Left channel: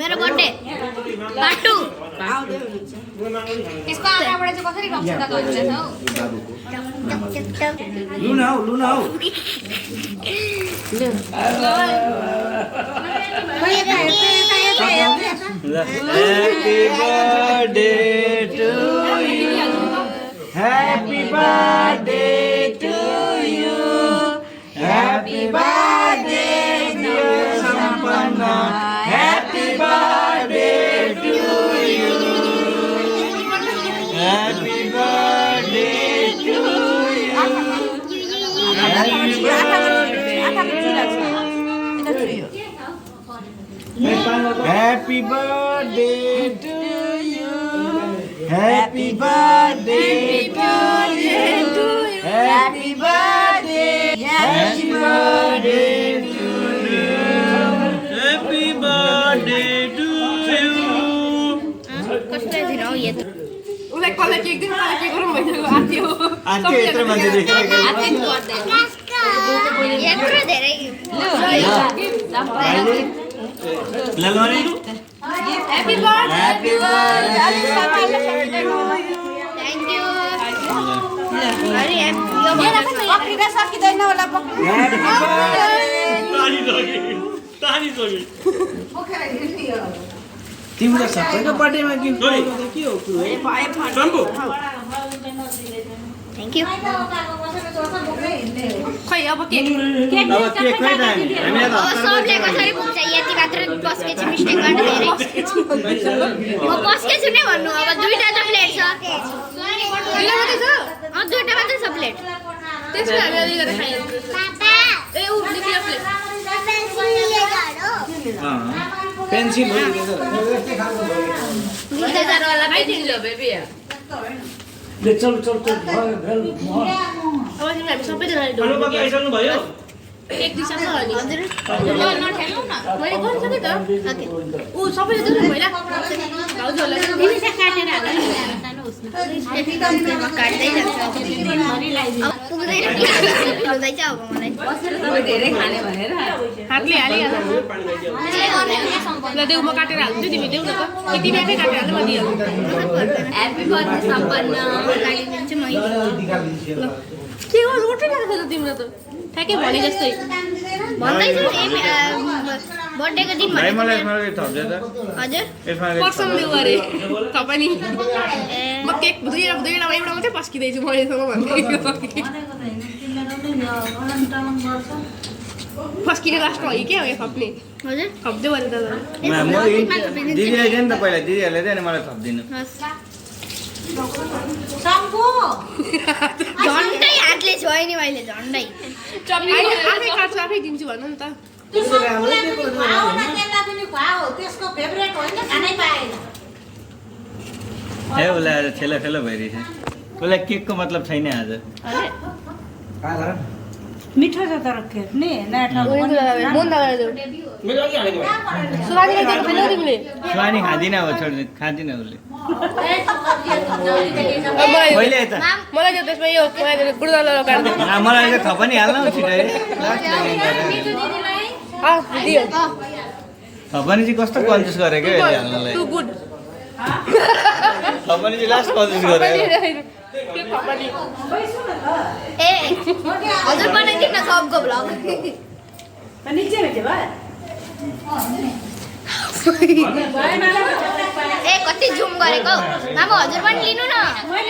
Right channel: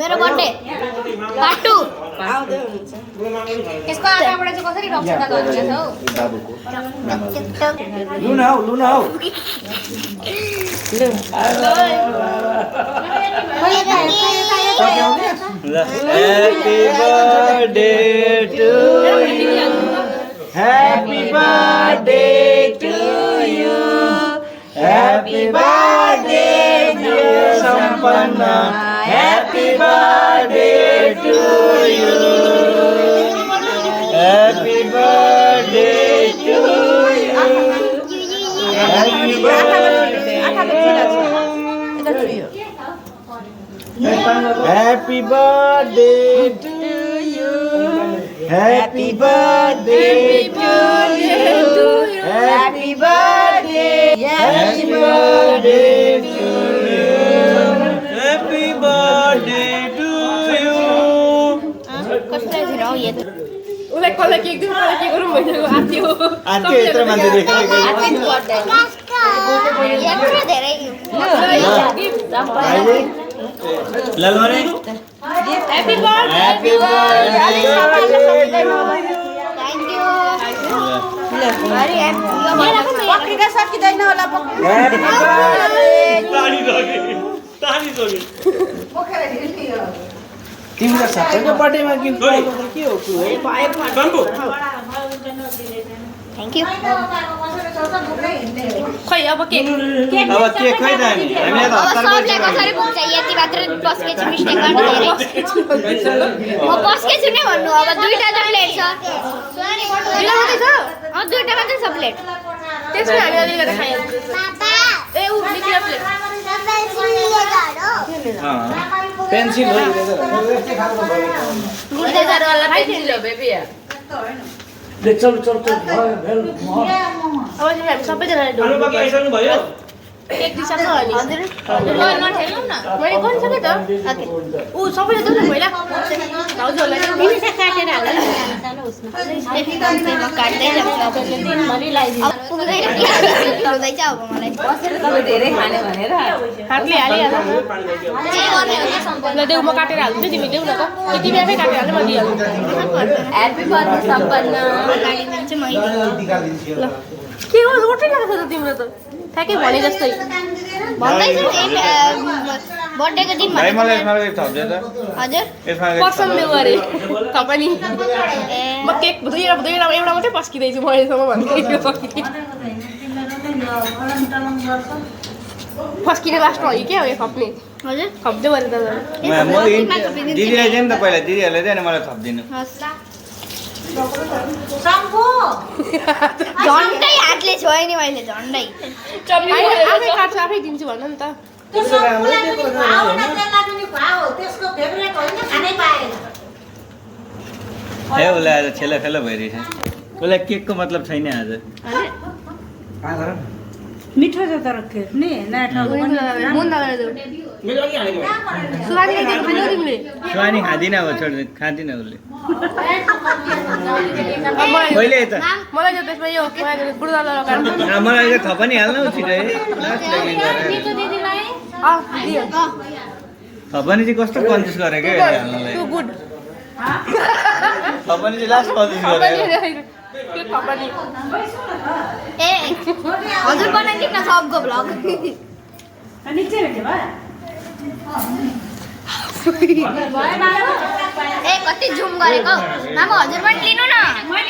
मेरो birthday part 2 यसको आँखाबाट चाहिँ कसरी रक्सुटा गर्नुहुन्छ हौ लुना हौ Happy birthday to you. Happy birthday to you. Happy birthday dear Sampanna. Happy birthday to you. Happy birthday to you. Happy birthday. Happy birthday to you. Happy birthday to you. Happy birthday. Happy birthday to you. Happy birthday to you. कसले दिराउ ये उसलाई कसलाई cake दिउँ कसलाई के गरौँ भइसक्यो आथ्यो आथ्यो यत्रो मान्छे देखेको यत्रो धेरै अहिले ललमरे happy birthday Happy birthday to you. Thank you अरे मेरो पनि पक्रिन सकिदैन होला Happy birthday. तिम्रो सबैको बर्थडेमा गिफ्ट पाएको त के हो कुरो थ्यांक यू खै अब केक अब के खै त हामी त अब सबले कसरी पुग्छ यति मात्र बस्के छु मिस्टेक गर्नु म बस्के छु नै भन्नु अब दुईटा त प्लेट छ दुईटा मात्रै छ दुईटा मात्रै छ प्लेट त्यसमा हामी अलिकति खाइहाल्छौँ ए ऊ निक्लियो प्लेट पेन्सिल हो इरेजर वाला खाइदिनु बेबी ले चल चल चल भयो अब तिमीहरू सबैजनाले ढोल भयो केक दिइसक्छ अनि हजुर मैले गरिसकेँ त ऊ सबैले देऊ न पहिला भाउजूहरूलाई काट्दै अब पुग्दैन हुँदैछ अब मलाई धेरै खाने भनेर काट्ले हालिहाल्छ ल देऊ म काटेर हाल्छु तिमी देऊ न त तिमी आफै काटेर हाल्नु म दिइहाल्छु ह्यापी बर्थडे सम्पन्न काटिदिन्छु म ल के गर्नु उठिरहेको छ त तिम्रो त ठ्याक्कै भने जस्तै भन्दैछु बर्थडेको दिन भाइ मलाई भनेको मलाई थप्दै त हजुर यसमा पर्सन देऊ अरे तपाईँ नि म केक दुईवटा एउटा मात्रै पस्किँदैछु म यसमा भन्दै फस्किने लास्टमा हो कि क्या हो यो खप्ने हजुर खप्दै भने त दिदीलाई दिएँ नि त पहिला दिदीहरूलाई दिएँ अनि मलाई थपिदिनु झन्डै हातले छोएँ नि मैले झन्डै आफै काट्छु आफै दिन्छु भन्नु नि त ए उसलाई आज ठेला फेला भइरहेछ उसलाई केकको मतलब छैन आज मिठो छ तर केक नि सुहानी खाँदिनँ अब छोड खाँदिनँ उसले मलाई चाहिँ त्यसमा यो गुरुदालाई काट्नु मलाई चाहिँ थप पनि हाल्न छिटो दियो थपनी चाहिँ कस्तो कन्जुस गरेको हाल्नलाई टु गुड थपनी चाहिँ लास्ट कन्जुस गरेको ए हजुर बनाइदिनु न सबको भ्लग ए कति जुम गरेको मामा हजुर पनि लिनु न